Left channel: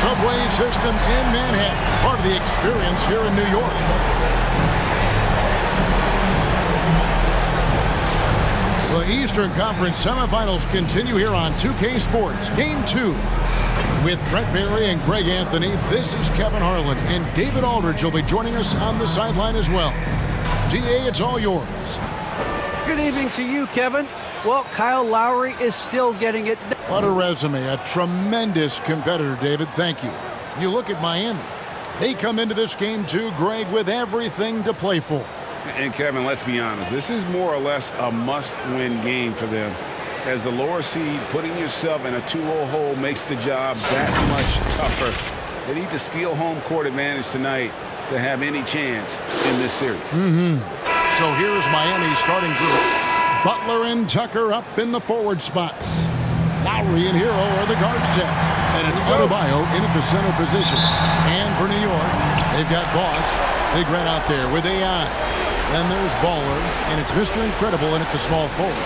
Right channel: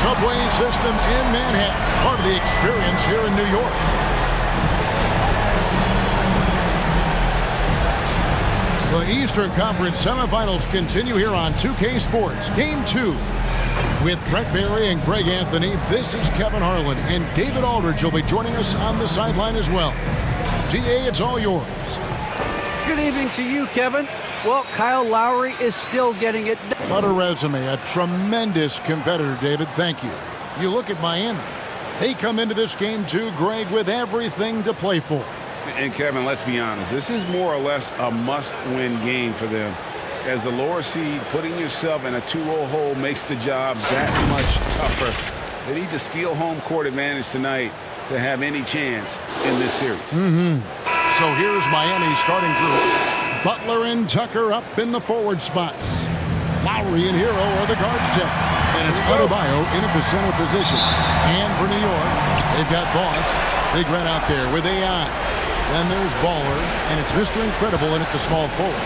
subway system in Manhattan, part of the experience here in New York. The Eastern Conference semifinals continue here on 2K Sports. Game 2. With Brett Barry and Greg Anthony, this is Kevin Harlan, and David Aldridge will be joining us on the sideline as well. DA, it's all yours. Good evening to you, Kevin. Well, Kyle Lowry is still getting it done. What a resume. A tremendous competitor, David. Thank you. You look at Miami. They come into this game, too, Greg, with everything to play for. And, Kevin, let's be honest. This is more or less a must-win game for them. As the lower seed, putting yourself in a 2-0 hole makes the job that much tougher. They need to steal home court advantage tonight to have any chance in this series. So here's Miami's starting group. Butler and Tucker up in the forward spots. Lowry and Hero are the guard set. And it's Adebayo in at the center position. And for New York, they've got Boss, Big Red out there with AI. Then there's Baller, and it's Mr. Incredible in at the small forward.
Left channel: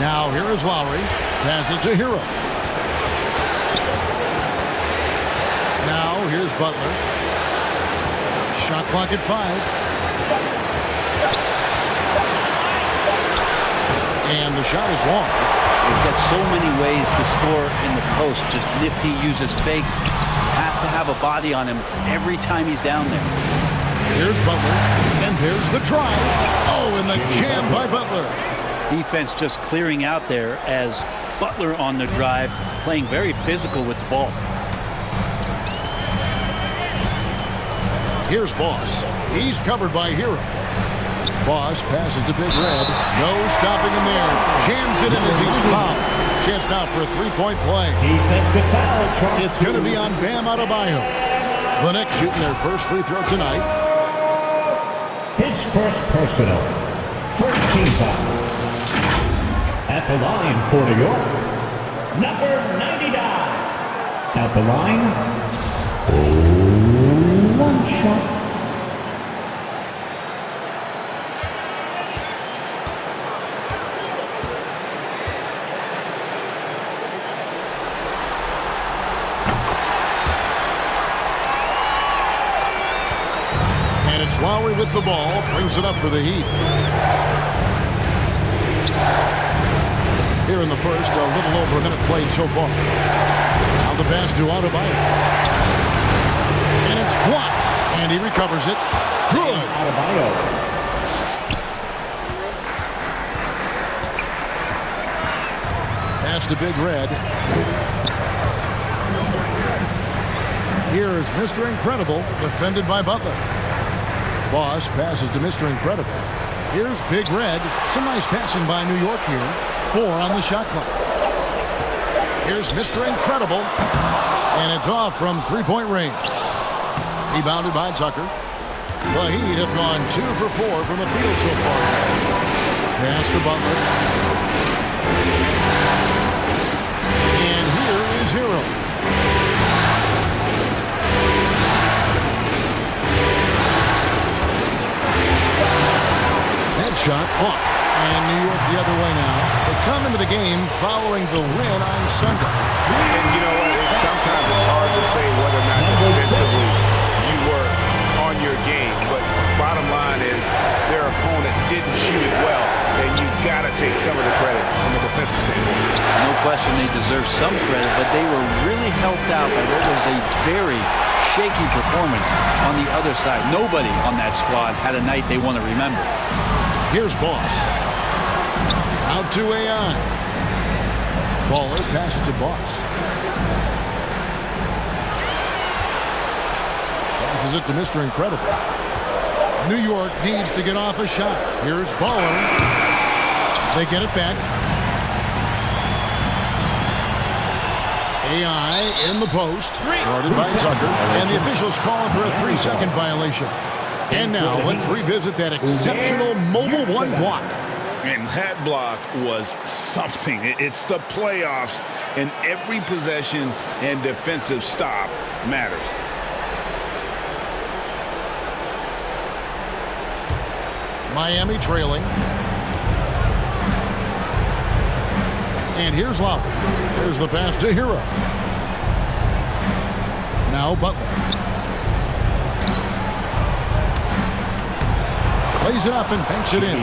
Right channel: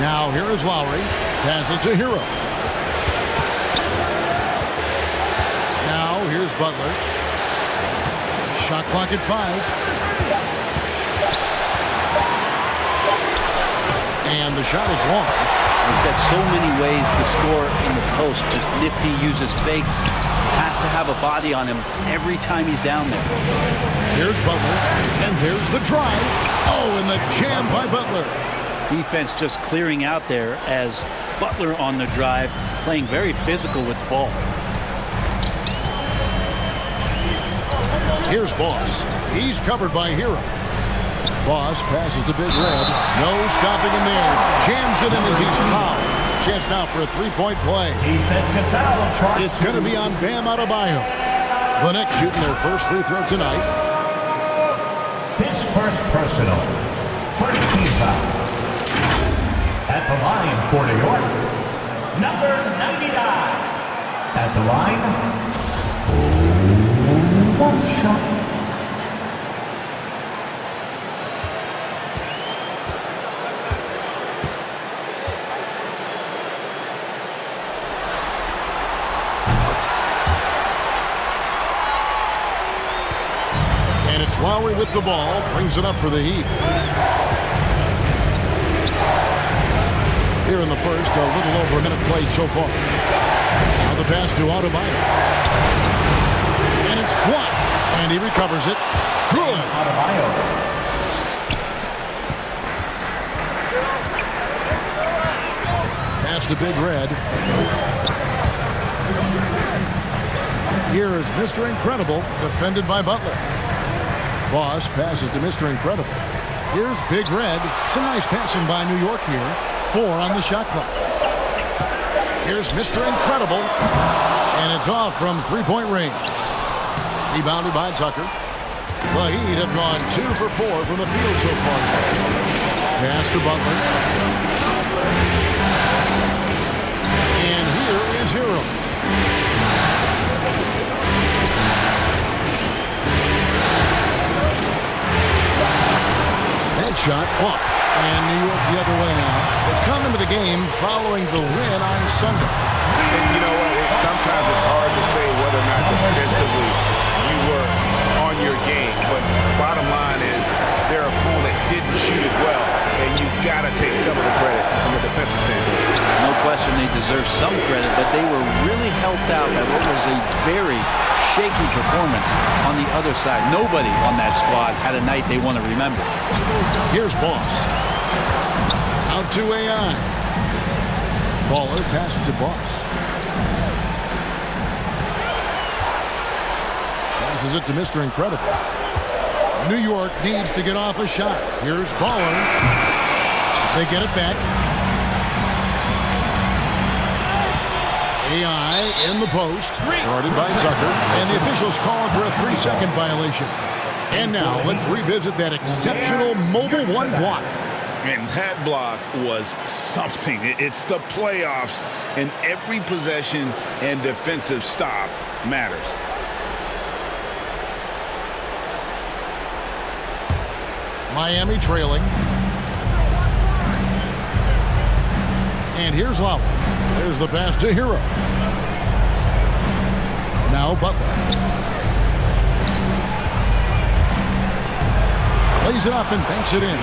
Now here is Lowry. Passes to Hero. Now here's Butler. Shot clock at 5. And the shot is long. He's got so many ways to score in the post. Just nifty, uses fakes. You have to have a body on him every time he's down there. Here's Butler, and there's the drive. Oh, and the jam by Butler. Defense just clearing out there as Butler on the drive, playing very physical with the ball. Here's Boss. He's covered by Hero. Boss passes to Big Red. No stopping him there. Jams it in as he's fouled. Chance now for a three-point play. Defensive foul. It's going to be on Bam Adebayo. The Knicks shooting their first free throw tonight. His first personal. First team foul. At the line for New York, number 99. At the line, one shot. And it's Lowry with the ball, brings it up for the Heat. Here in the first, a little over a minute played so far. Now the pass to Adebayo. And it's blocked. And he recovers it. Good. Adebayo. Pass to Big Red. Here is Mr. Incredible, defended by Butler. Boss passes to Mr. Incredible. Here's Big Red. Some nice passing by New York here. 4 on the shot clock. Here's Mr. Incredible. And it's off from three-point range. Rebounded by Tucker. The Heat have gone 2 for 4 from the field so far. Pass to Butler. And here is Hero. That shot off. And New York the other way now. They come into the game following the win on Sunday. And you know what? Sometimes it's hard to say whether or not defensively you were on your game. But bottom line is their opponent didn't shoot it well. And you got to take some of the credit from a defensive standpoint. No question they deserve some credit, but they were really helped out by what was a very shaky performance on the other side. Nobody on that squad had a night they want to remember. Here's Boss. Out to AI. Baller passes to Boss. Passes it to Mr. Incredible. New York needs to get off a shot. Here's Baller. They get it back. AI in the post. Guarded by Tucker. And the officials calling for a 3-second violation. And now let's revisit that exceptional mobile one block. And that block was something. It's the playoffs, and every possession and defensive stop matters. Miami trailing. And here's Lowry. There's the pass to Hero. Now Butler. Lays it up and banks it in.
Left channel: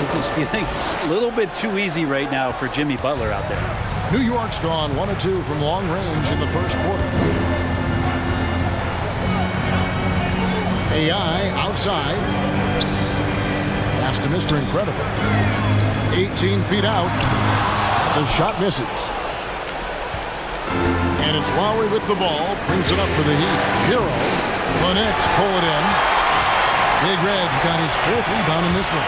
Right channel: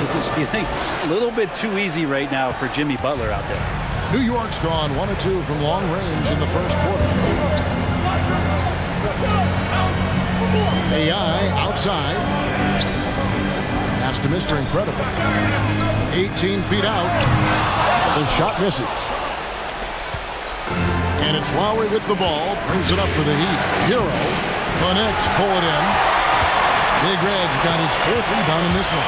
This is feeling a little bit too easy right now for Jimmy Butler out there. New York's gone 1 of 2 from long range in the first quarter. AI outside. Pass to Mr. Incredible. 18 feet out. The shot misses. And it's Lowry with the ball. Brings it up for the Heat. Hero. The Knicks pull it in. Big Red's got his 4th rebound in this one.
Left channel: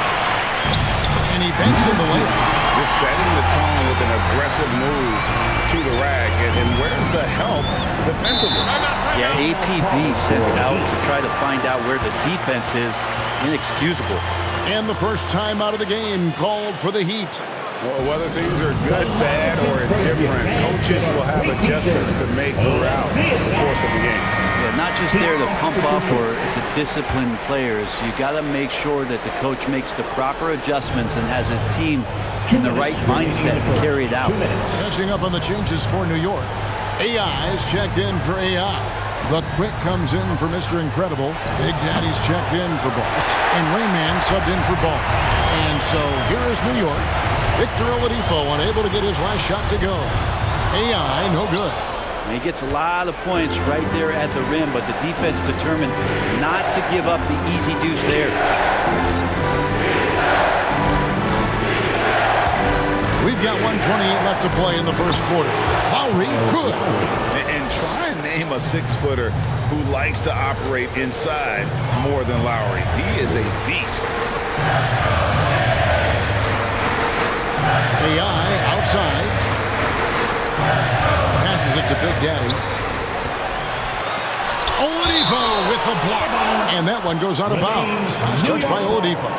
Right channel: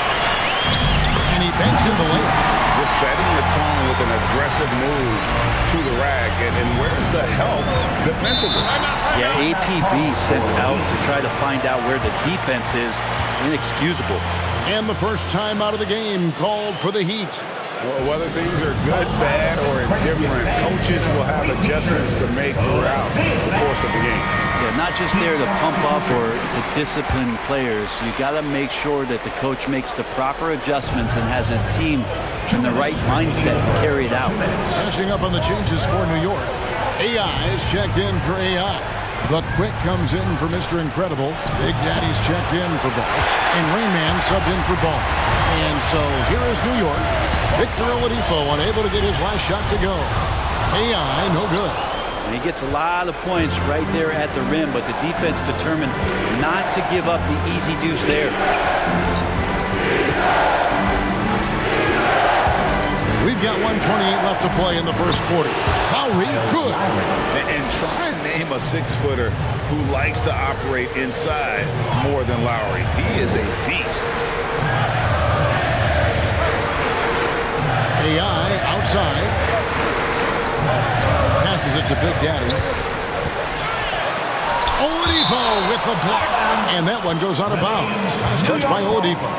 And he banks in the layup. Just setting the tone with an aggressive move to the rack. And where's the help defensively? Yeah, APB sent out to try to find out where the defense is. Inexcusable. And the first time out of the game called for the Heat. Well, whether things are good, bad, or indifferent, coaches will have adjustments to make throughout the course of the game. Yeah, not just there to pump up or to discipline players. You got to make sure that the coach makes the proper adjustments and has his team in the right mindset to carry it out. Catching up on the changes for New York. AI is checked in for AI. The Quick comes in for Mr. Incredible. Big Daddy's checked in for Boss. And Rain Man subbed in for Ball. And so here is New York. Victor Oladipo unable to get his last shot to go. AI no good. He gets a lot of points right there at the rim, but the defense determined not to give up the easy deuce there. We've got 1:28 left to play in the first quarter. Lowry, good. And try and name a 6-footer who likes to operate inside more than Lowry. He is a beast. AI outside. Passes it to Big Daddy. Oladipo with the block. And that one goes out of bounds. Last touch by Oladipo.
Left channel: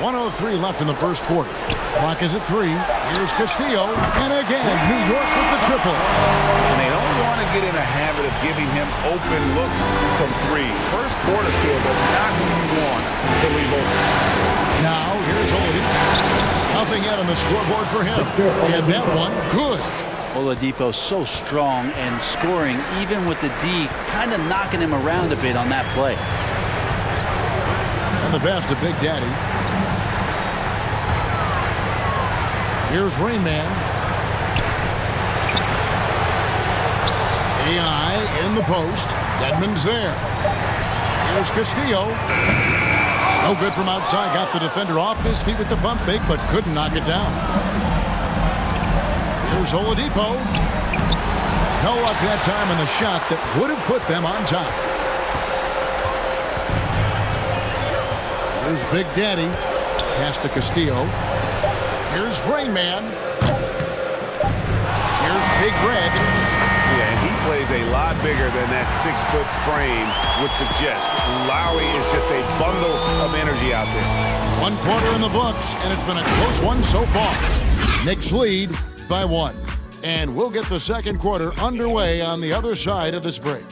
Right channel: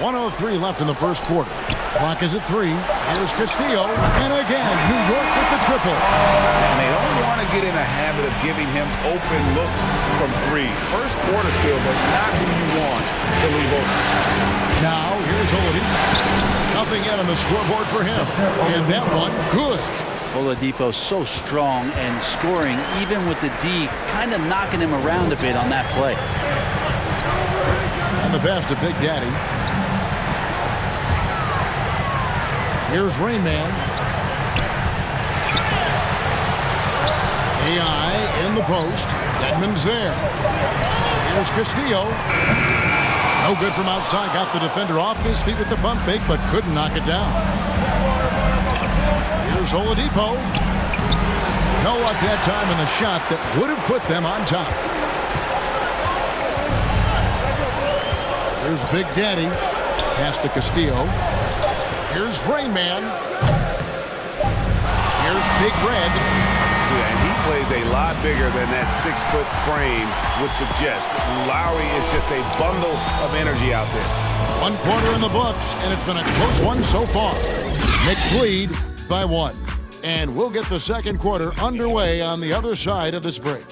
.103 left in the first quarter. Clock is at 3. Here's Castillo. And again, New York with the triple. And they don't want to get in a habit of giving him open looks from 3. First quarter still, but not who you want to leave open. Now, here's Oladipo. Nothing yet on the scoreboard for him. And that one, good. Oladipo so strong and scoring, even with the D, kind of knocking him around a bit on that play. And the pass to Big Daddy. Here's Rain Man. AI in the post. Dedmon's there. Here's Castillo. No good from outside. Got the defender off his feet with the pump fake, but couldn't knock it down. Here's Oladipo. No luck that time in the shot that would have put them on top. Here's Big Daddy. Pass to Castillo. Here's Rain Man. Here's Big Red. Yeah, and he plays a lot bigger than that 6-foot frame would suggest. Lowry is just a bundle of energy out there. 1 quarter in the books, and it's been a close one so far. Knicks lead by 1. And we'll get the second quarter underway on the other side of this break.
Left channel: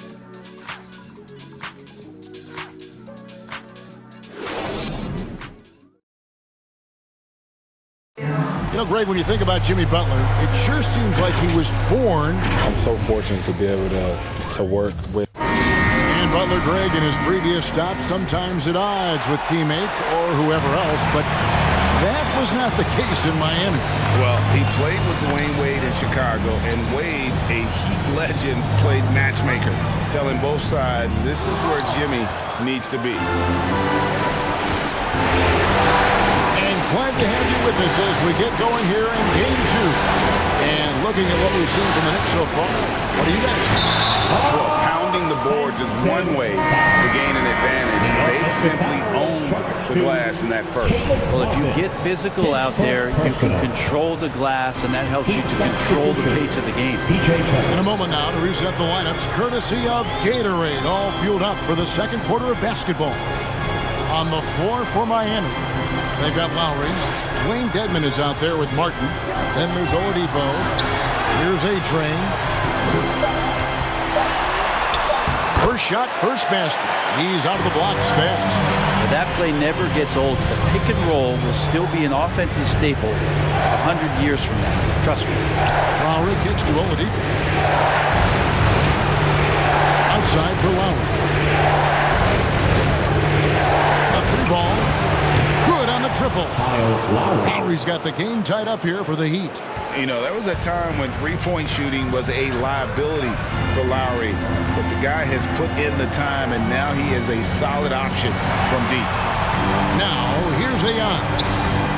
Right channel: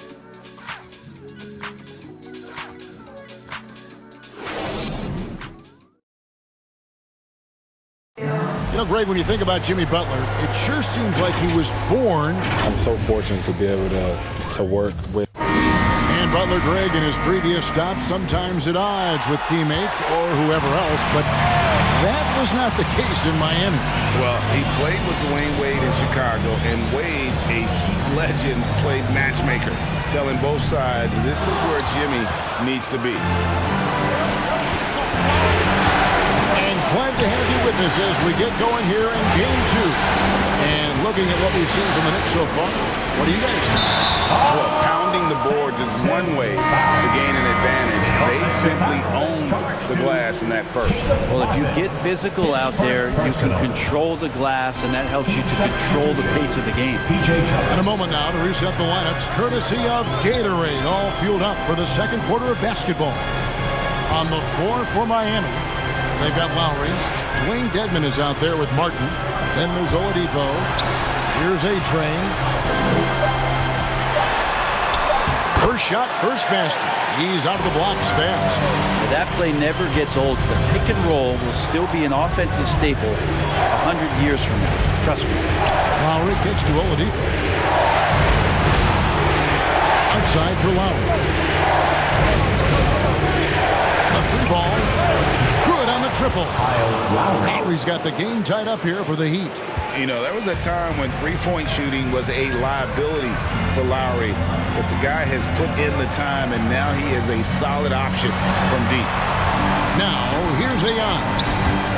You know, Greg, when you think about Jimmy Butler, it sure seems like he was born. I'm so fortunate to be able to work with. And Butler, Greg, in his previous stops, sometimes at odds with teammates or whoever else, but that was not the case in Miami. Well, he played with Dwayne Wade in Chicago, and Wade, a Heat legend, played matchmaker, telling both sides this is where Jimmy needs to be. Glad to have you with us as we get going here in Game 2. And looking at what we've seen from the Knicks so far, what do you guys think? Well, pounding the boards is one way to gain an advantage. They simply owned the glass in that first. Well, if you get physical out there, you can control the glass, and that helps you to control the pace of the game. In a moment now to reset the lineups, courtesy of Gatorade, all fueled up for the second quarter of basketball. On the floor for Miami, they've got Lowry. Dwayne Dedmon is out there with Martin. Then there's Oladipo. Here's A-Train. First shot, first basket. He's out of the blocks fast. Now, that play never gets old. The pick and roll will still be an offensive staple 100 years from now. Trust me. Lowry kicks to Oladipo. Outside for Lowry. A three ball. Good on the triple. Lowry's got the game tied up here for the Heat. You know, there was a time when three-point shooting was a liability for Lowry, but the guy has put in the time, and now he is a solid option from deep. Now, here's AI.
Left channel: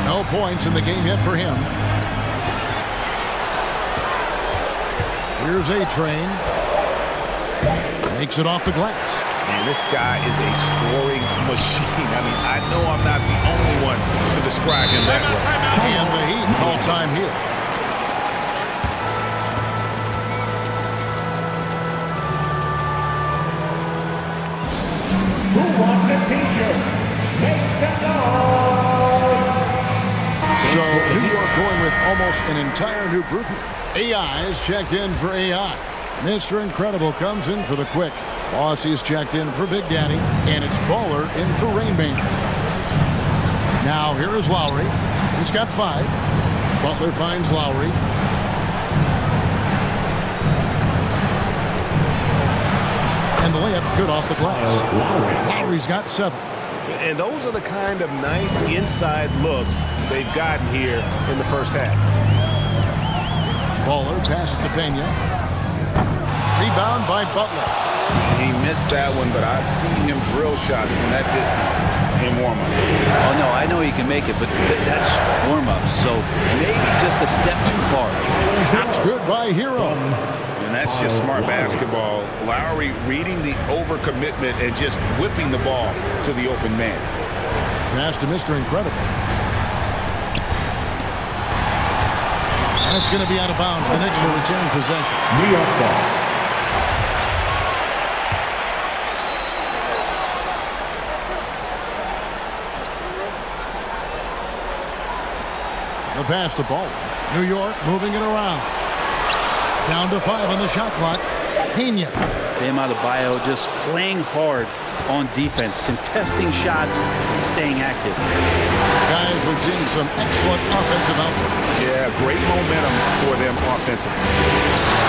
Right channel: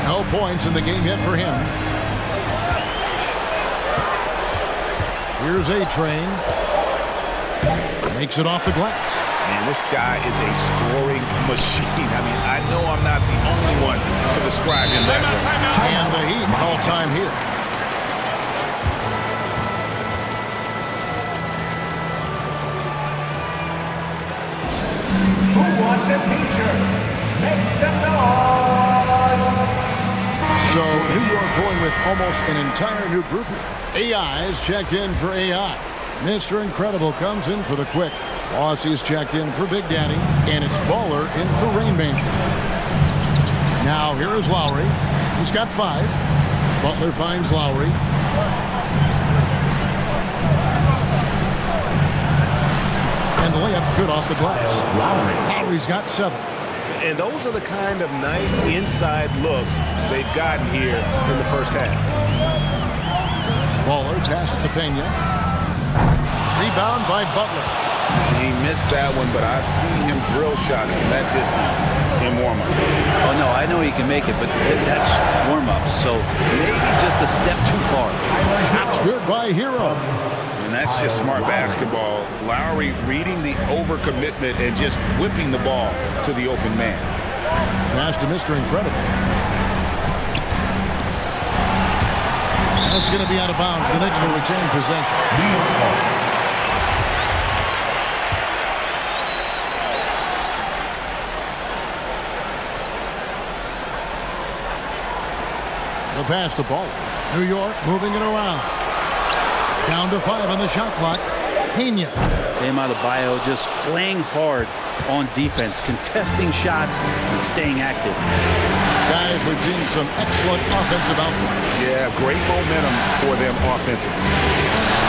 No points in the game yet for him. Here's A-Train. Makes it off the glass. Man, this guy is a scoring machine. I mean, I know I'm not the only one to describe him that way. And the Heat call time here. Who wants a t-shirt? Make some noise! So, New York going with almost an entire new group here. AI is checked in for AI. Mr. Incredible comes in for the quick. Bossy's checked in for Big Daddy. And it's Baller in for Rainman. Now, here is Lowry. He's got 5. Butler finds Lowry. And the layup's good off the glass. Lowry's got 7. And those are the kind of nice inside looks they've gotten here in the first half. Baller passes to Pena. Rebound by Butler. He missed that one, but I've seen him drill shots from that distance in warm-up. Oh, no, I know he can make it, but that's warm-up, so maybe just a step too far. Shots good by Hero. And that's just smart basketball. Lowry reading the overcommitment and just whipping the ball to the open man. Pass to Mr. Incredible. That's going to be out of bounds. The Knicks will retain possession. New York ball. The pass to Ball. New York moving it around. Down to 5 on the shot clock. Pena. Bam Adebayo just playing hard on defense, contesting shots and staying active. Guys, we've seen some excellent offensive output. Yeah, great momentum for them offensively.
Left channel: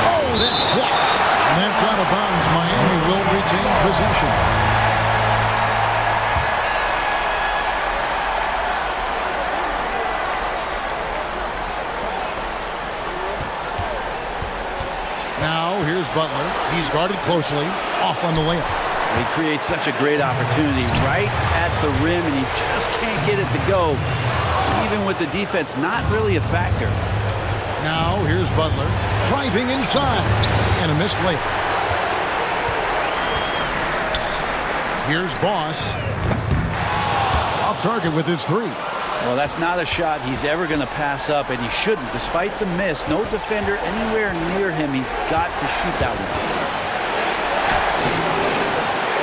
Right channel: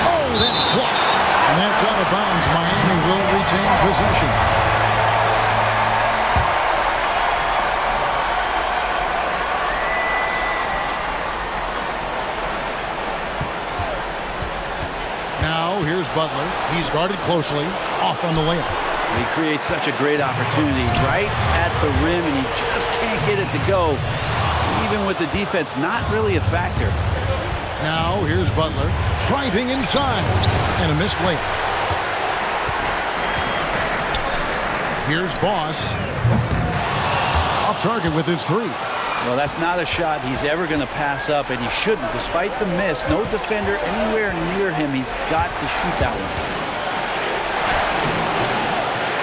Oh, that's blocked. And that's out of bounds. Miami will retain possession. Now, here's Butler. He's guarded closely. Off on the layup. He creates such a great opportunity right at the rim, and he just can't get it to go. Even with the defense not really a factor. Now, here's Butler. Driving inside. And a missed layup. Here's Boss. Off target with his 3. Well, that's not a shot he's ever going to pass up, and he shouldn't. Despite the miss, no defender anywhere near him. He's got to shoot that one.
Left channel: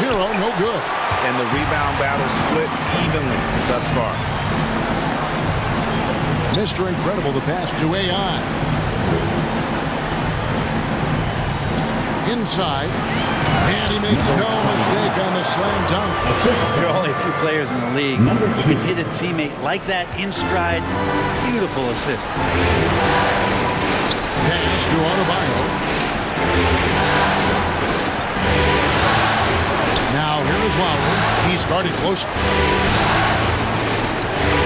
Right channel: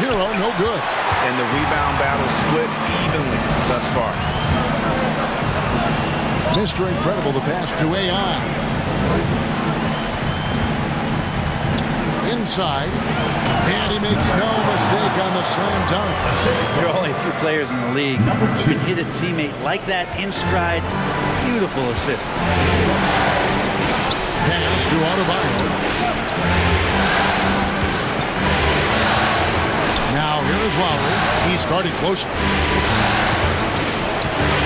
Hero, no good. And the rebound battle split evenly thus far. Mr. Incredible, the pass to AI. Inside. And he makes no mistake on the slam dunk. There are only a few players in the league who can hit a teammate like that in stride. Beautiful assist. Pass to Adebayo. Now here is Lowry. He's guarded close.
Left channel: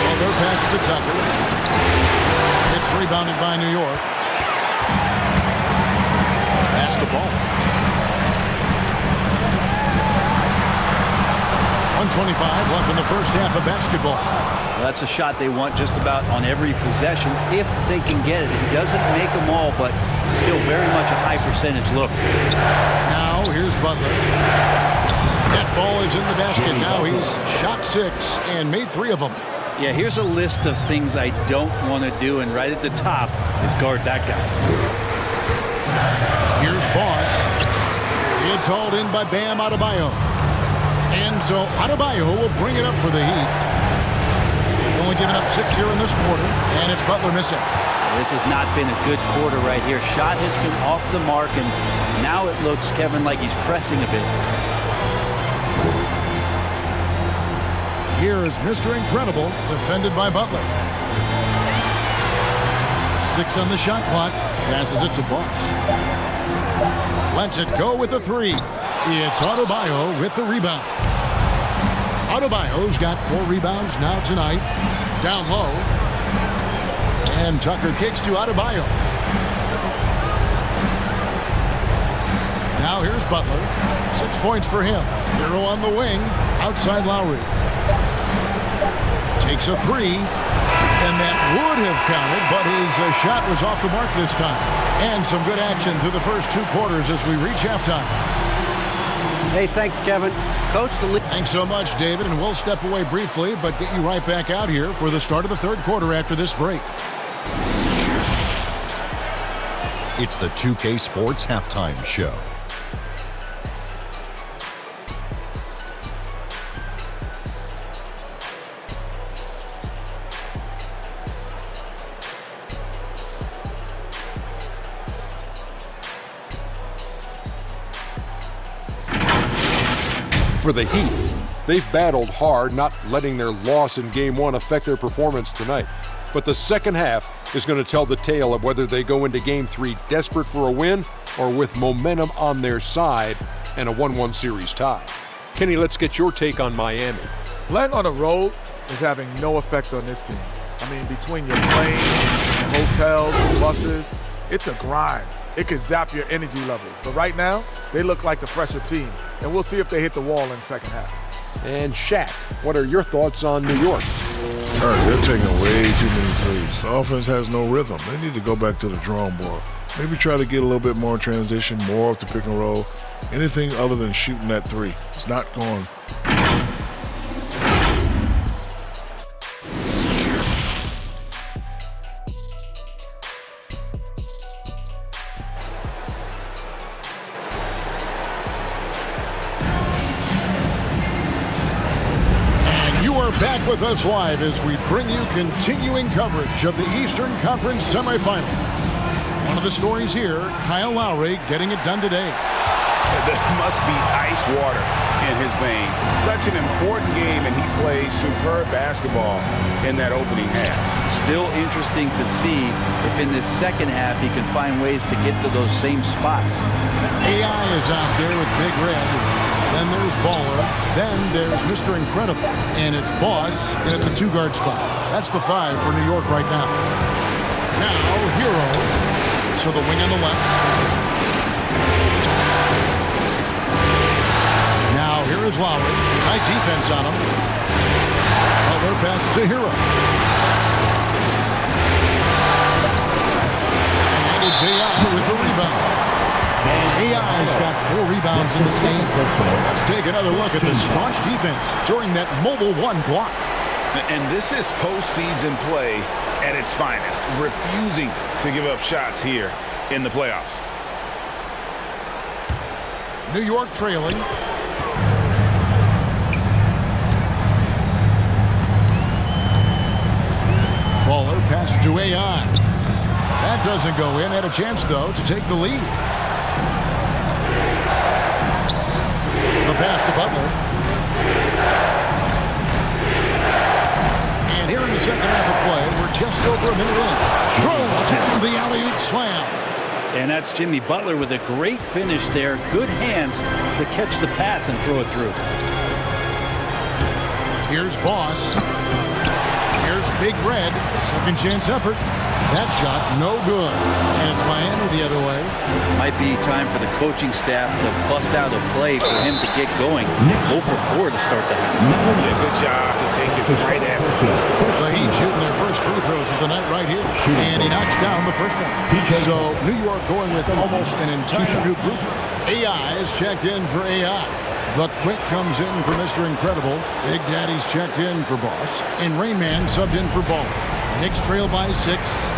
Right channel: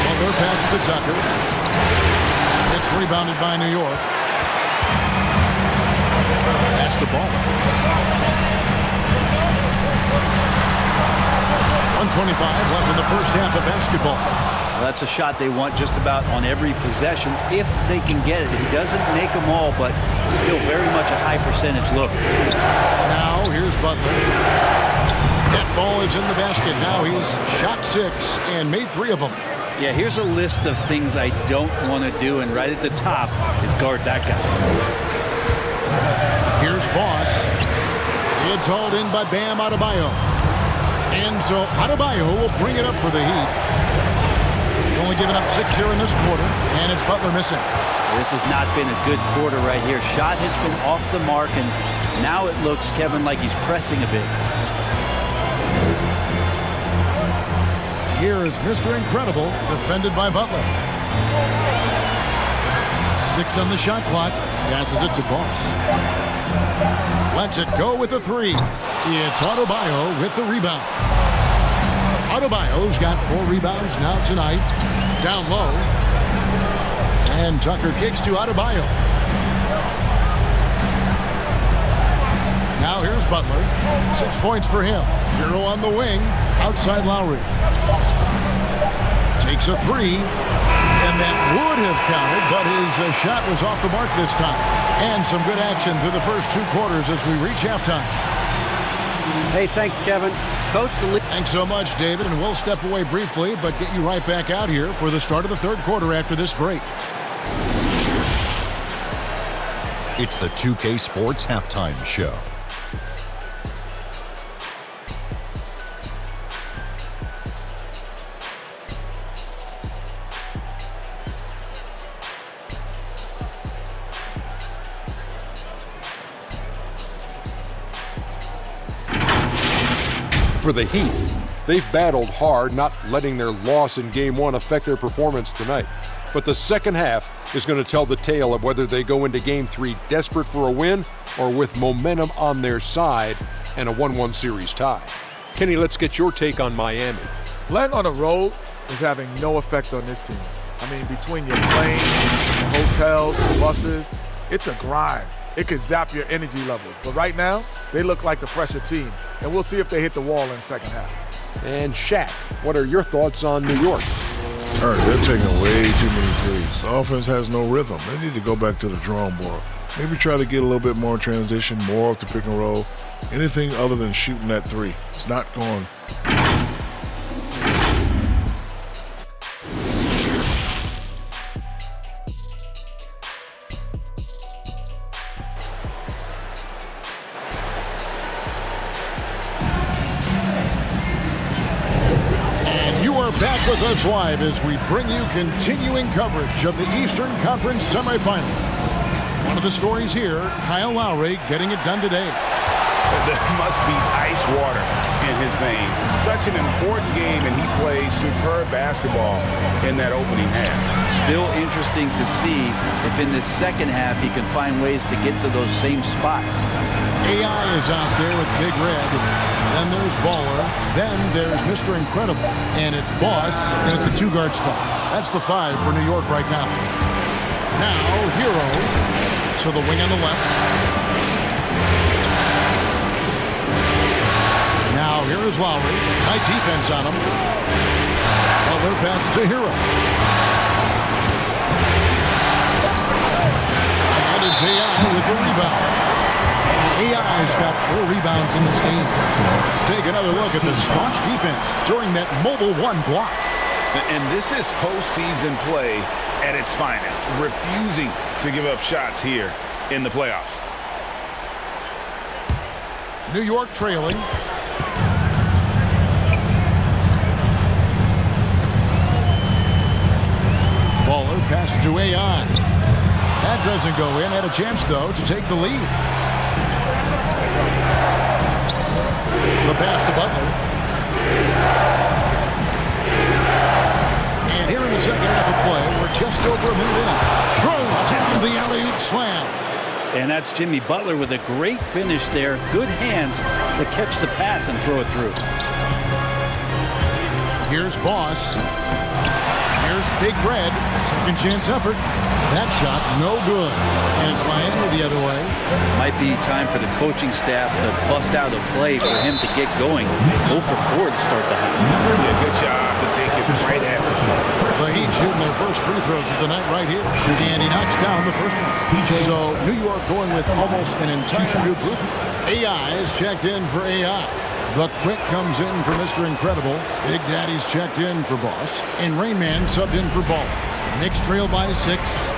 Butler passes to Tucker. It's rebounded by New York. Pass to Ball. 1:25 left in the first half of basketball. Well, that's a shot they want just about on every possession if they can get it. He doesn't make them all, but still very much a high percentage look. Now here's Butler. That ball is in the basket. Now he's shot 6 and made 3 of them. Yeah, here's a list of things I don't want to do, and right at the top is guard that guy. Here's Boss. It's hauled in by Bam Adebayo. And so Adebayo will bring it up for the Heat. Only giving up 6 here in this quarter, and it's Butler missing. This has not been a good quarter right here. Shot has been off the mark, and now it looks, Kevin, like he's pressing a bit. Here is Mr. Incredible, defended by Butler. 6 on the shot clock. Passes it to Boss. Lets it go with a 3. It's Adebayo with the rebound. Adebayo's got 4 rebounds now tonight. Down low. And Tucker kicks to Adebayo. Now here's Butler. 6 points for him. Hero on the wing. Outside Lowry. Takes a 3. And that would have counted, but his shot was off the mark this time. And some good action through the first 2 quarters as we reach halftime. Hey, thanks, Kevin. Coach, the lead. Thanks so much, David, and we'll step away briefly, but get you right back out here for the start of the 3rd quarter after this break. It's the 2K Sports Halftime Show. For the Heat, they've battled hard, not letting their loss in Game 1 affect their performance tonight. But the second half is going to tell the tale of whether they go into Game 3 desperate for a win or with momentum on their side and a 1-1 series tie. Kenny, let's get your take on Miami. Playing on the road is having no effect on this team. I mean, between your planes, the hotels, the buses, it's a grind. It could zap your energy levels. But right now, they look like the fresher team. And we'll see if they hit the wall in the second half. And Shaq, what are your thoughts on New York? They're taking way too many threes. The offense has no rhythm. They need to go back to the drawing board. Maybe try to get a little bit more in transition, more off the pick and roll. Anything other than shooting that 3. It's not going. Back with us live as we bring you continuing coverage of the Eastern Conference semifinals. One of the stories here, Kyle Lowry getting it done today. There must be ice water in his veins. Such an important game, and he plays superb basketball in that opening half. Still interesting to see if in this second half he can find ways to get to those same spots. AI is out there with Big Red. Then there's Baller. Then there's Mr. Incredible. And it's Boss in at the 2-guard spot. That's the 5 for New York right now. Now, Hero to the wing on the left. Now, here is Lowry. Tight defense on him. Butler passes to Hero. And it's AI with the rebound. AI's got 4 rebounds in this game. Let's take another look at the staunch defense during that mobile 1 block. And this is postseason play at its finest, refusing to give up shots here in the playoffs. New York trailing. Baller passes to AI. That doesn't go in. Had a chance, though, to take the lead. The pass to Butler. And here in the second half of play, we're just over a minute in. Throws down the alley-oop slam. And that's Jimmy Butler with a great finish there. Good hands to catch the pass and throw it through. Here's Boss. Here's Big Red. A second chance effort. That shot, no good. And it's Miami the other way. Might be time for the coaching staff to bust out a play for him to get going. 0 for 4 to start the half. Yeah, good job to take it right at him. The Heat shooting their first free throws of the night right here. And he knocks down the first one. So New York going with almost an entire new group. AI is checked in for AI. The Quick comes in for Mr. Incredible. Big Daddy's checked in for Boss. And Rain Man subbed in for Ball. Knicks trail by 6.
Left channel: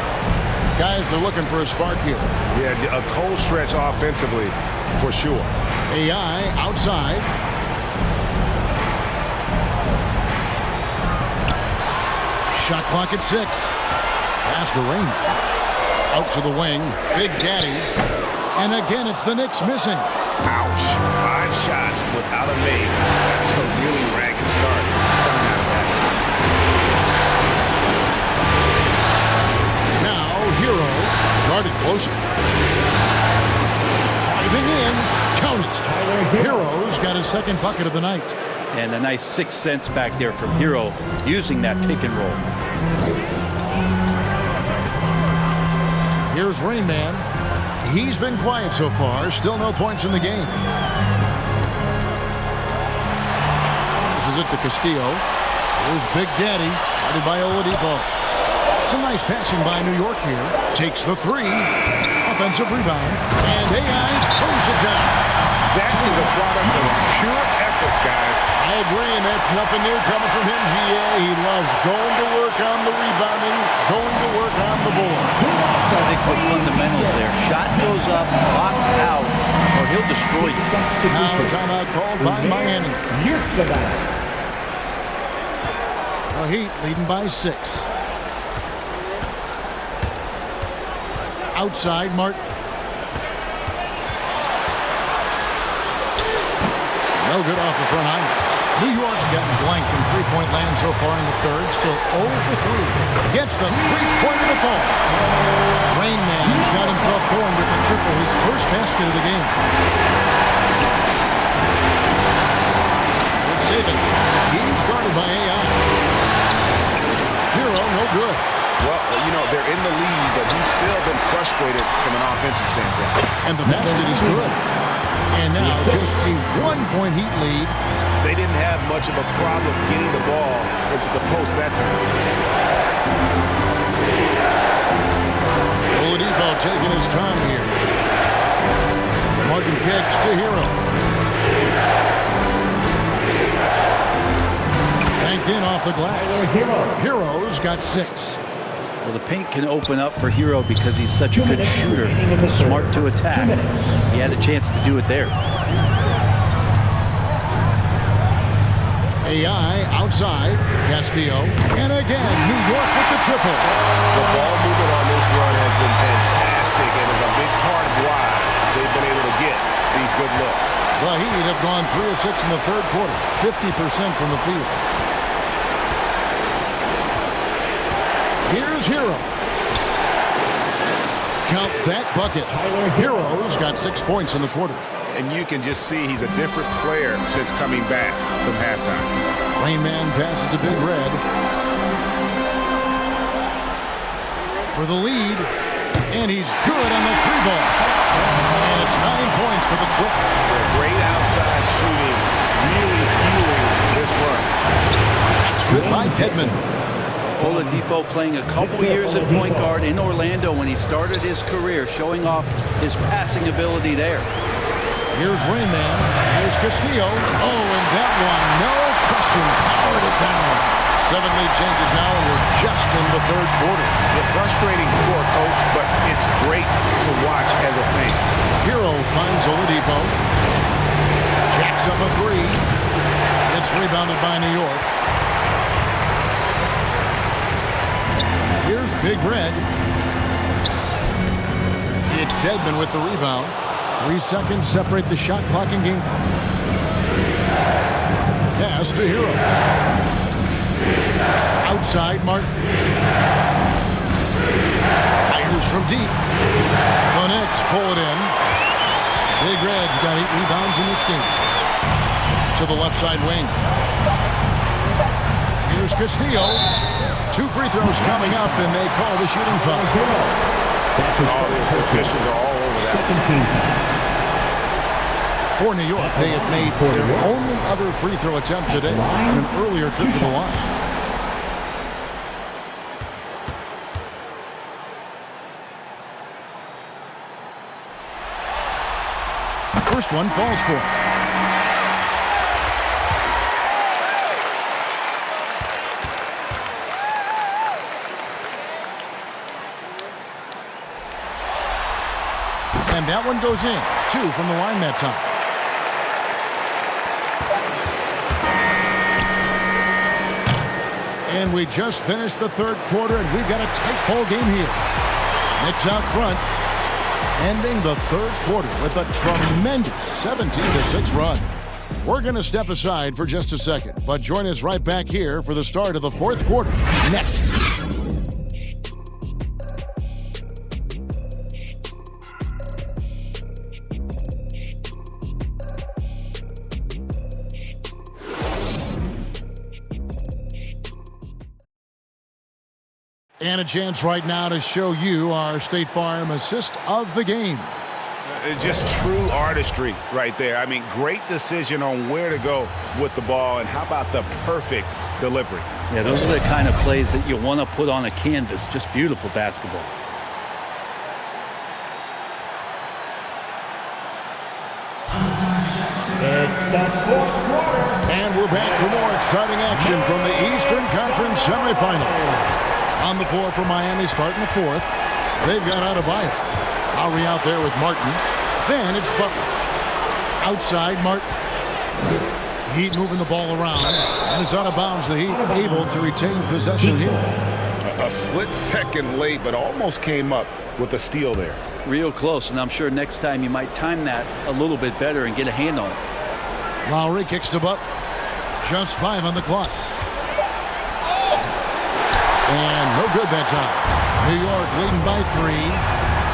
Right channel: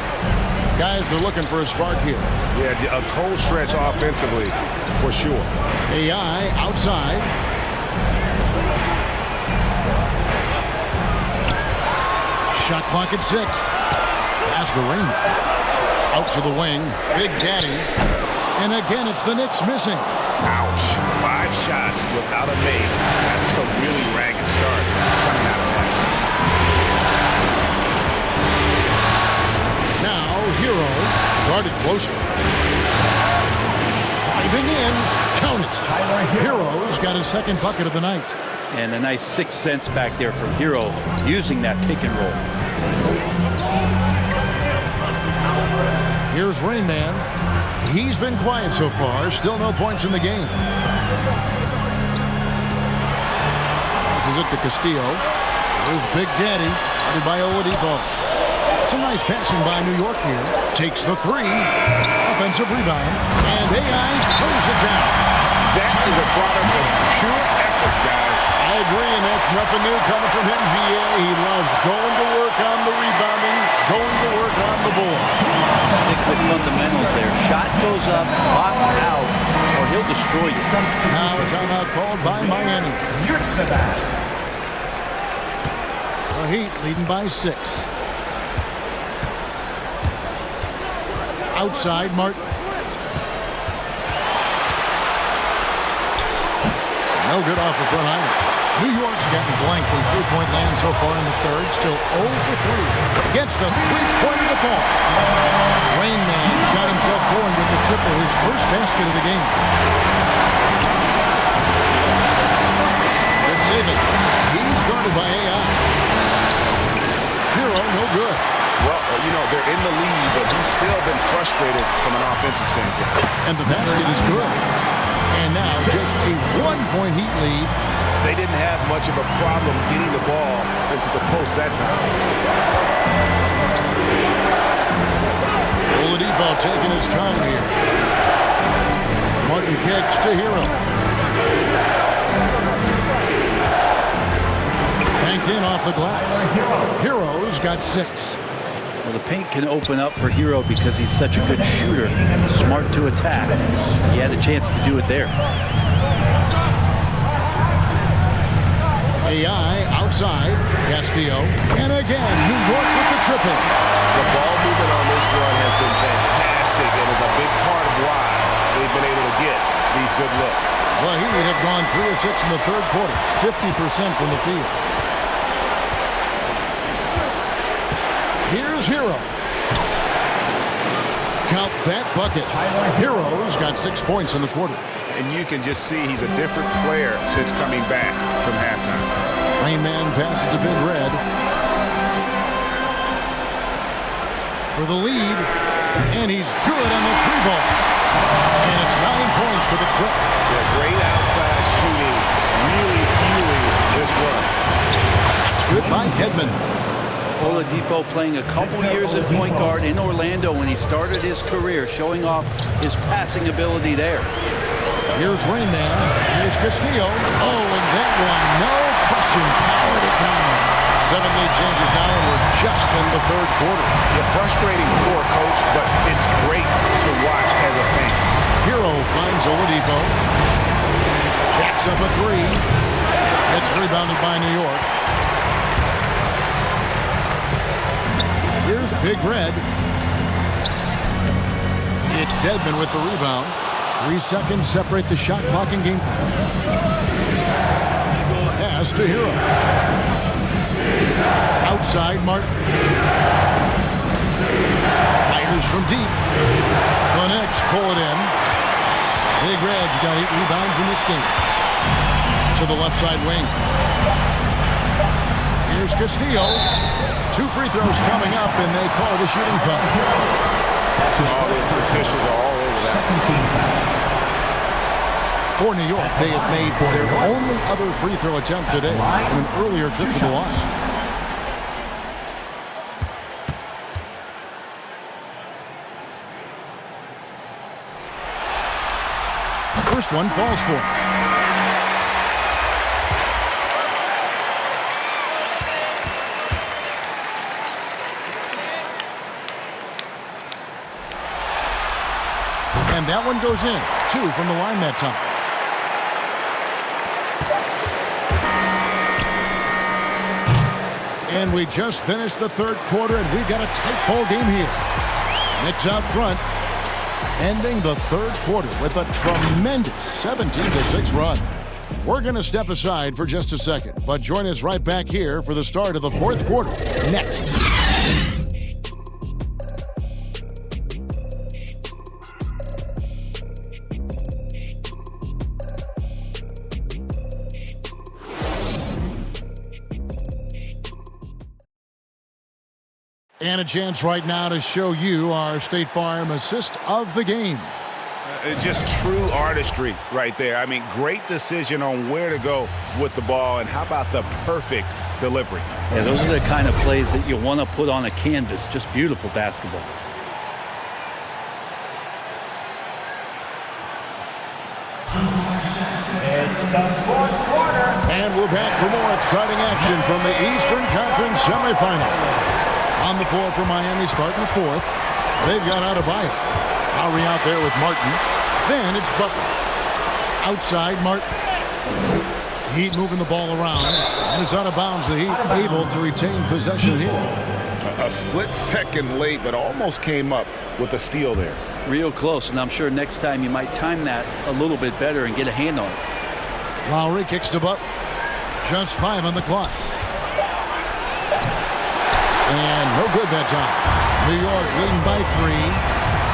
Guys, they're looking for a spark here. Yeah, a cold stretch offensively for sure. AI outside. Shot clock at 6. Pass to Rain Man. Out to the wing. Big Daddy. And again, it's the Knicks missing. Ouch. 5 shots without a make. That's a really ragged start coming out of that. closer. Driving in. Count it. Hero's got his second bucket of the night. And a nice 6 cents back there from Hero using that pick and roll. Here's Rain Man. He's been quiet so far. Still no points in the game. This is it to Castillo. Here's Big Daddy, guarded by Oladipo. Some nice passing by New York here. Takes the three. Offensive rebound. And AI throws it down. That is a product of pure effort, guys. I agree, and that's nothing new coming from him, GA. He loves going to work on the rebounding, going to work on the board. Stick with fundamentals there. Shot goes up, box out, or he'll destroy you. Now a timeout called by Miami. The Heat leading by 6. Outside, Martin. No good off the front iron. New York's getting blanked from three-point land so far in the third. Still 0 for 3. Gets the three-pointer to fall. Rain Man's got himself going with the triple, his first basket of the game. Good saving. He's guarded by AI. Hero, no good. Well, they're in the lead, but he's still been frustrated from an offensive standpoint. And the basket is good. And now just a 1-point Heat lead. They didn't have much of a problem getting the ball into the post that time. Oladipo taking his time here. Martin kicks to Hero. Banked in off the glass. Hero's got 6. Well, the paint can open up for Hero because he's such a good shooter. Smart to attack. He had a chance to do it there. AI outside. Castillo. And again, New York with the triple. The ball movement on this run has been fantastic and is a big part of why they've been able to get these good looks. The Heat have gone 3 of 6 in the third quarter. 50% from the field. Here's Hero. Count that bucket. Hero's got 6 points in the quarter. And you can just see he's a different player since coming back from halftime. Rain Man passes to Big Red. For the lead. And he's good on the 3-ball. And it's 9 points for the Quick. Yeah, great outside shooting. Really fueling this run. That's good by Dedmon. Oladipo playing a couple years at point guard in Orlando when he started his career, showing off his passing ability there. Here's Rain Man. Here's Castillo. Oh, and that one, no question, powered it down. 7 lead changes now, and we're just in the third quarter. Yeah, frustrating for a coach, but it's great to watch as a fan. Hero finds Oladipo. Jacks up a 3. It's rebounded by New York. Here's Big Red. It's Dedmon with the rebound. 3 seconds separate the shot clock and game clock. Pass to Hero. Outside, Martin. Fires from deep. The Knicks pull it in. Big Red's got 8 rebounds in this game. To the left side wing. Here's Castillo. 2 free throws coming up, and they call the shooting foul. All the officials are all over that. Second team foul. For New York, they have made their only other free throw attempt today in an earlier trip to the line. First one falls for him. And that one goes in. 2 from the line that time. And we just finished the third quarter, and we've got a tight ball game here. Knicks out front, ending the third quarter with a tremendous 17-6 run. We're going to step aside for just a second, but join us right back here for the start of the fourth quarter next. And a chance right now to show you our State Farm assist of the game. Just true artistry right there. I mean, great decision on where to go with the ball, and how about the perfect delivery? Yeah, those are the kind of plays that you want to put on a canvas. Just beautiful basketball. It's the fourth quarter. And we're back for more exciting action from the Eastern Conference semifinals. On the floor for Miami starting the fourth. They've got Adebayo. Lowry out there with Martin. Then it's Butler. Outside Martin. Heat moving the ball around. And it's out of bounds. The Heat able to retain possession here. A split second late, but almost came up with a steal there. Real close, and I'm sure next time you might time that a little bit better and get a hand on it. Lowry kicks to Butler. Just 5 on the clock. And no good that time. New York leading by 3.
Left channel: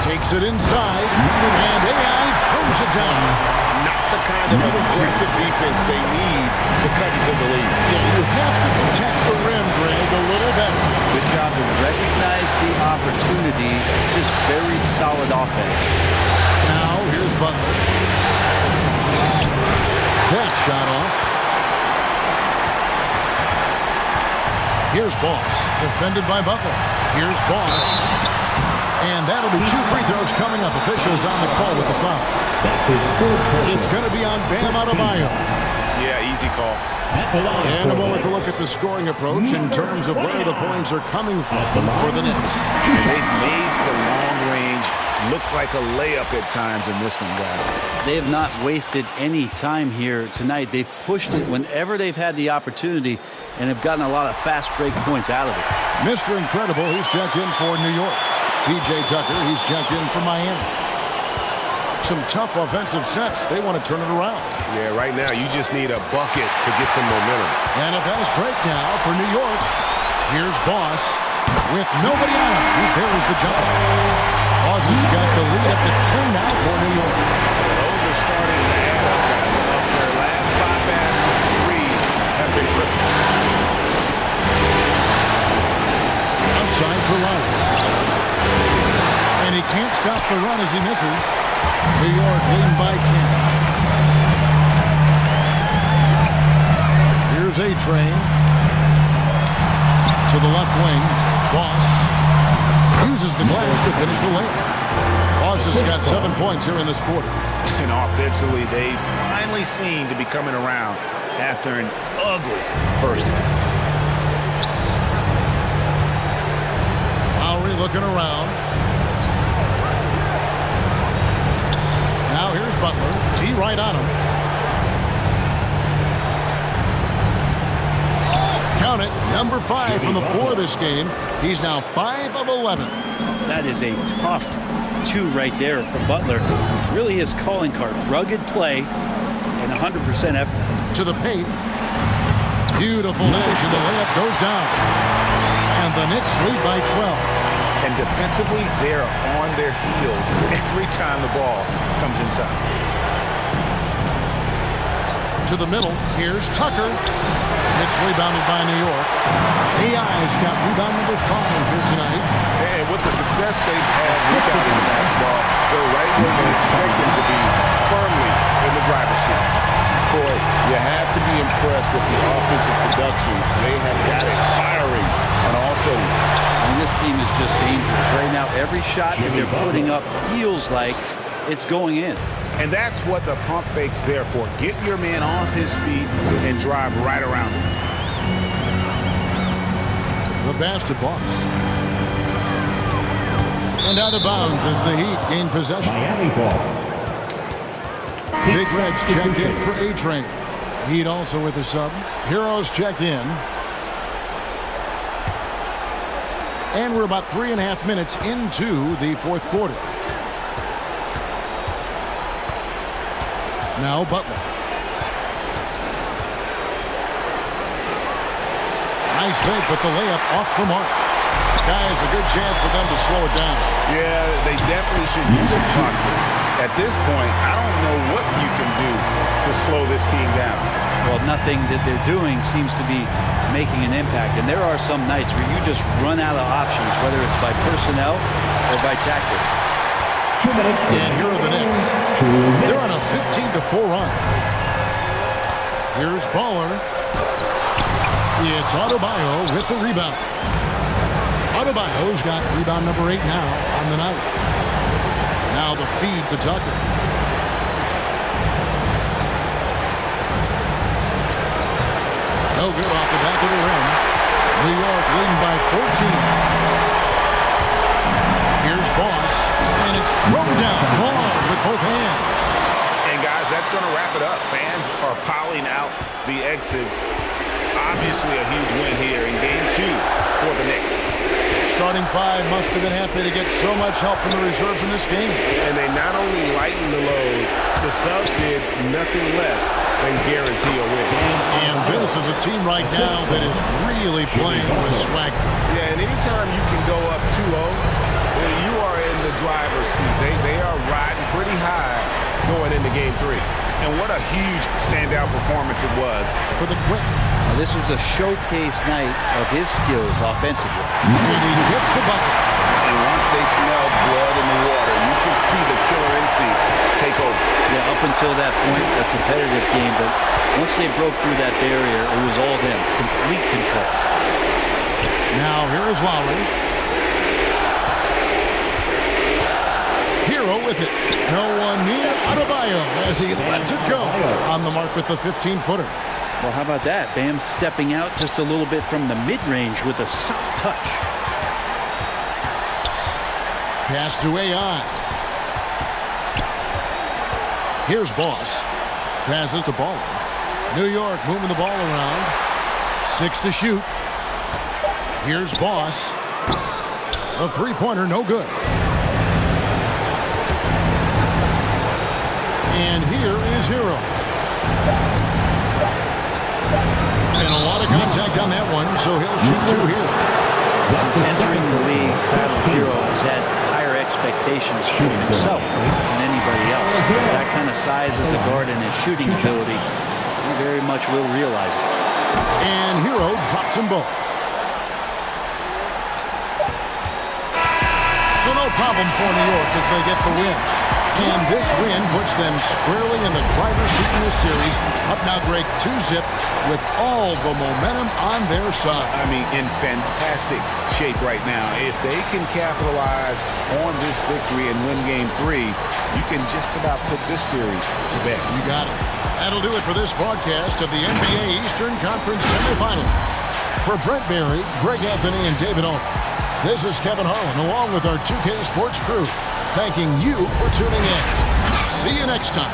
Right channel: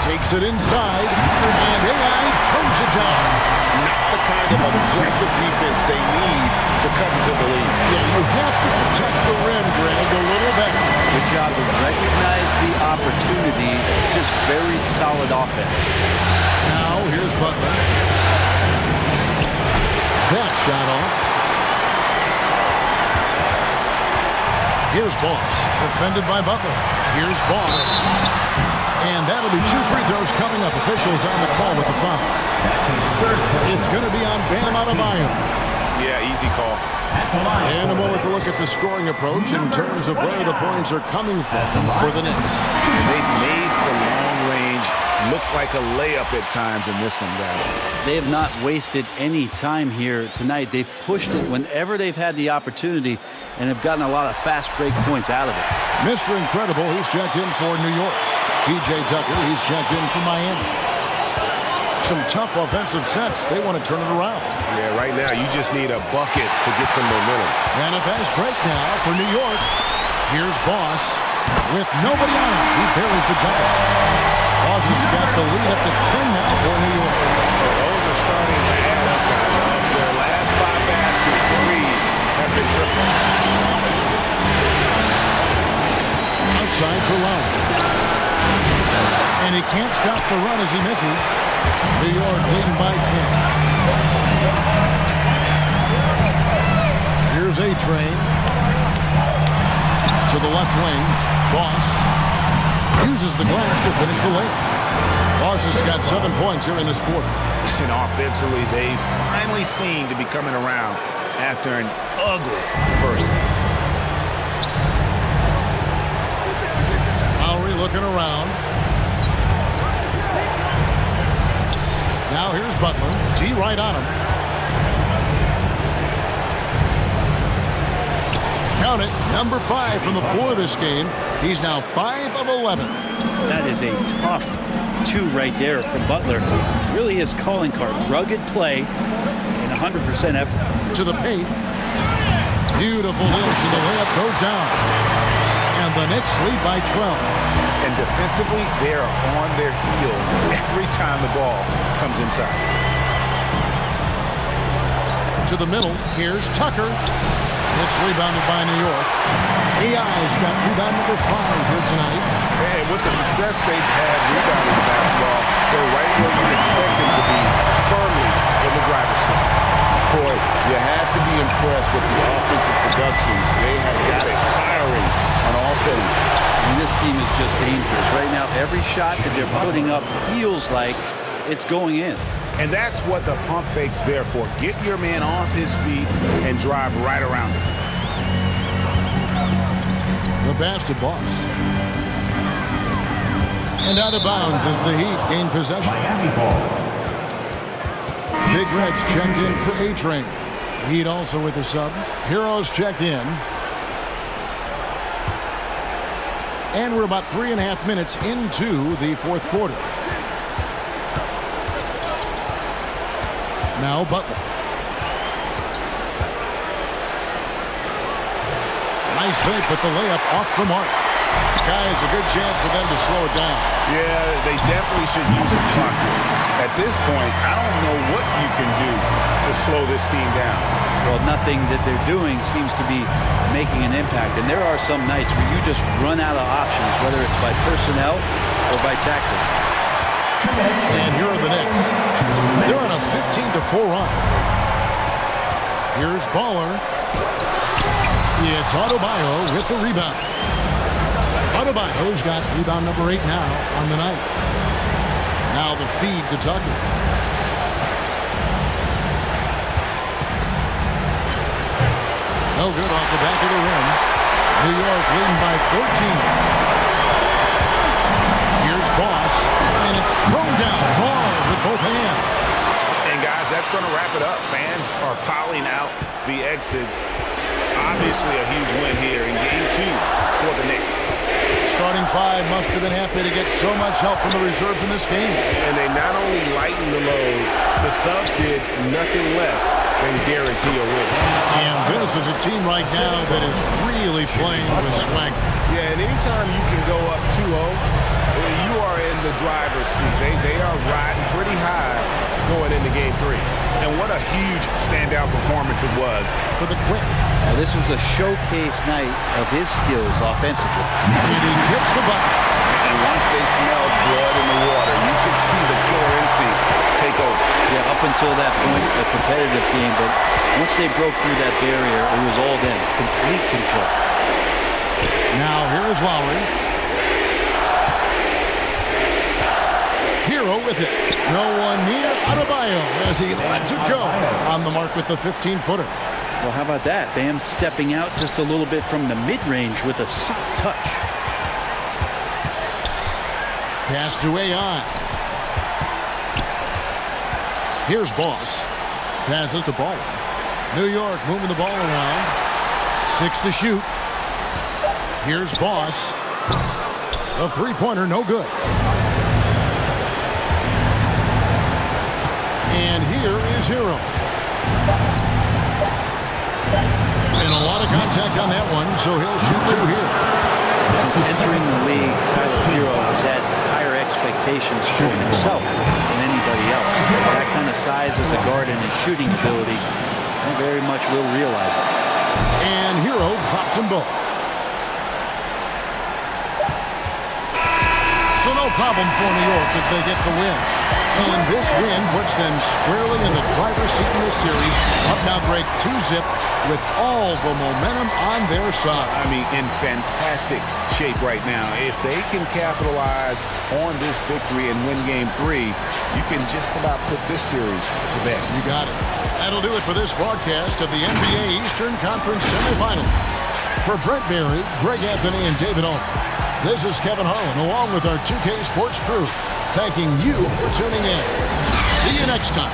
Takes it inside. And AI throws it down. Not the kind of aggressive defense they need to cut into the lead. Yeah, you have to protect the rim, Greg, a little better. Good job to recognize the opportunity. It's just very solid offense. Now, here's Butler. That shot off. Here's Boss, defended by Butler. Here's Boss. And that'll be 2 free throws coming up. Officials on the call with the foul. That's his third personal. It's going to be on Bam Adebayo. Yeah, easy call. At the line And a moment to look at the scoring approach in terms of where the points are coming from for the Knicks. And they've made the long range look like a layup at times in this one, guys. They have not wasted any time here tonight. They've pushed it whenever they've had the opportunity and have gotten a lot of fast break points out of it. Mr. Incredible, he's checked in for New York. P.J. Tucker, he's checked in for Miami. Some tough offensive sets. They want to turn it around. Yeah, right now you just need a bucket to get some momentum. And a fast break now for New York. Here's Boss with nobody on him. He buries the jumper. Boss has got the lead up to 10 now for New York. So those are starting to add up, guys. Of their last 5 baskets, 3 have been triple. Outside for Lowry. And he can't stop the run as he misses. New York leading by 10. Here's A-Train. To the left wing. Boss uses the glass to finish the layup. Boss has got 7 points here in this quarter. And offensively, they finally seem to be coming around after an ugly first half. Lowry looking around. Now here's Butler. T right on him. Count it. Number 5 from the floor this game. He's now 5 of 11. That is a tough 2 right there from Butler. Really his calling card. Rugged play and 100% effort. To the paint. Beautiful dish, and the layup goes down. And the Knicks lead by 12. And defensively, they are on their heels every time the ball comes inside. To the middle. Here's Tucker. It's rebounded by New York. AI's got rebound number 5 here tonight. And with the success they've had rebounding the basketball, they're right where you'd expect them to be, firmly in the driver's seat. Boy, you have to be impressed with the offensive production. They have got it firing on all cylinders. I mean, this team is just dangerous. Right now, every shot that they're putting up feels like it's going in. And that's what the pump fake's there for. Get your man off his feet and drive right around him. The pass to Boss. And out of bounds as the Heat gain possession. Miami ball. Big Red's checked in for A-Train. Heat also with the sub. Heroes checked in. And we're about 3.5 minutes into the fourth quarter. Now Butler. Nice fake, but the layup off the mark. Guys, a good chance for them to slow it down. Yeah, they definitely should use some clock here. At this point, I don't know what you can do to slow this team down. Well, nothing that they're doing seems to be making an impact. And there are some nights where you just run out of options, whether it's by personnel or by tactic. And here are the Knicks. They're on a 15-4 run. Here's Baller. It's Adebayo with the rebound. Adebayo's got rebound number 8 now on the night. Now the feed to Tucker. No good off the back of the rim. New York leading by 14. Here's Boss, and it's thrown down hard with both hands. And guys, that's going to wrap it up. Fans are piling out the exits. Obviously a huge win here in Game 2 for the Knicks. Starting 5 must have been happy to get so much help from the reserves in this game. And they not only lightened the load, the subs did nothing less than guarantee a win. And this is a team right now that is really playing with swagger. Yeah, and anytime you can go up 2-0, you are in the driver's seat. They are riding pretty high going into Game 3. And what a huge standout performance it was for the Quick. This was a showcase night of his skills offensively. And he gets the bucket. And once they smelled blood in the water, you could see the killer instinct take over. Yeah, up until that point, a competitive game. But once they broke through that barrier, it was all them. Complete control. Now here is Lowry. Hero with it. No one near Adebayo as he lets it go. On the mark with the 15-footer. Well, how about that? Bam stepping out just a little bit from the mid-range with a soft touch. Pass to AI. Here's Boss. Passes to Baller. New York moving the ball around. 6 to shoot. Here's Boss. A three-pointer, no good. And here is Hero. And a lot of contact on that one, so he'll shoot 2 here. Since entering the league, Tyler Hero has had higher expectations for himself than anybody else. That kind of size as a guard and his shooting ability, he very much will realize it. And Hero drops them both. So no problem for New York as they get the win. And this win puts them squarely in the driver's seat in this series. Up now, Greg, 2-zip with all the momentum on their side. I mean, in fantastic shape right now. If they can capitalize on this victory and win Game 3, you can just about put this series to bed. You got it. That'll do it for this broadcast of the NBA Eastern Conference Semifinals. For Brent Berry, Greg Anthony, and David Aldridge, this is Kevin Harlan along with our 2K Sports crew, thanking you for tuning in. See you next time.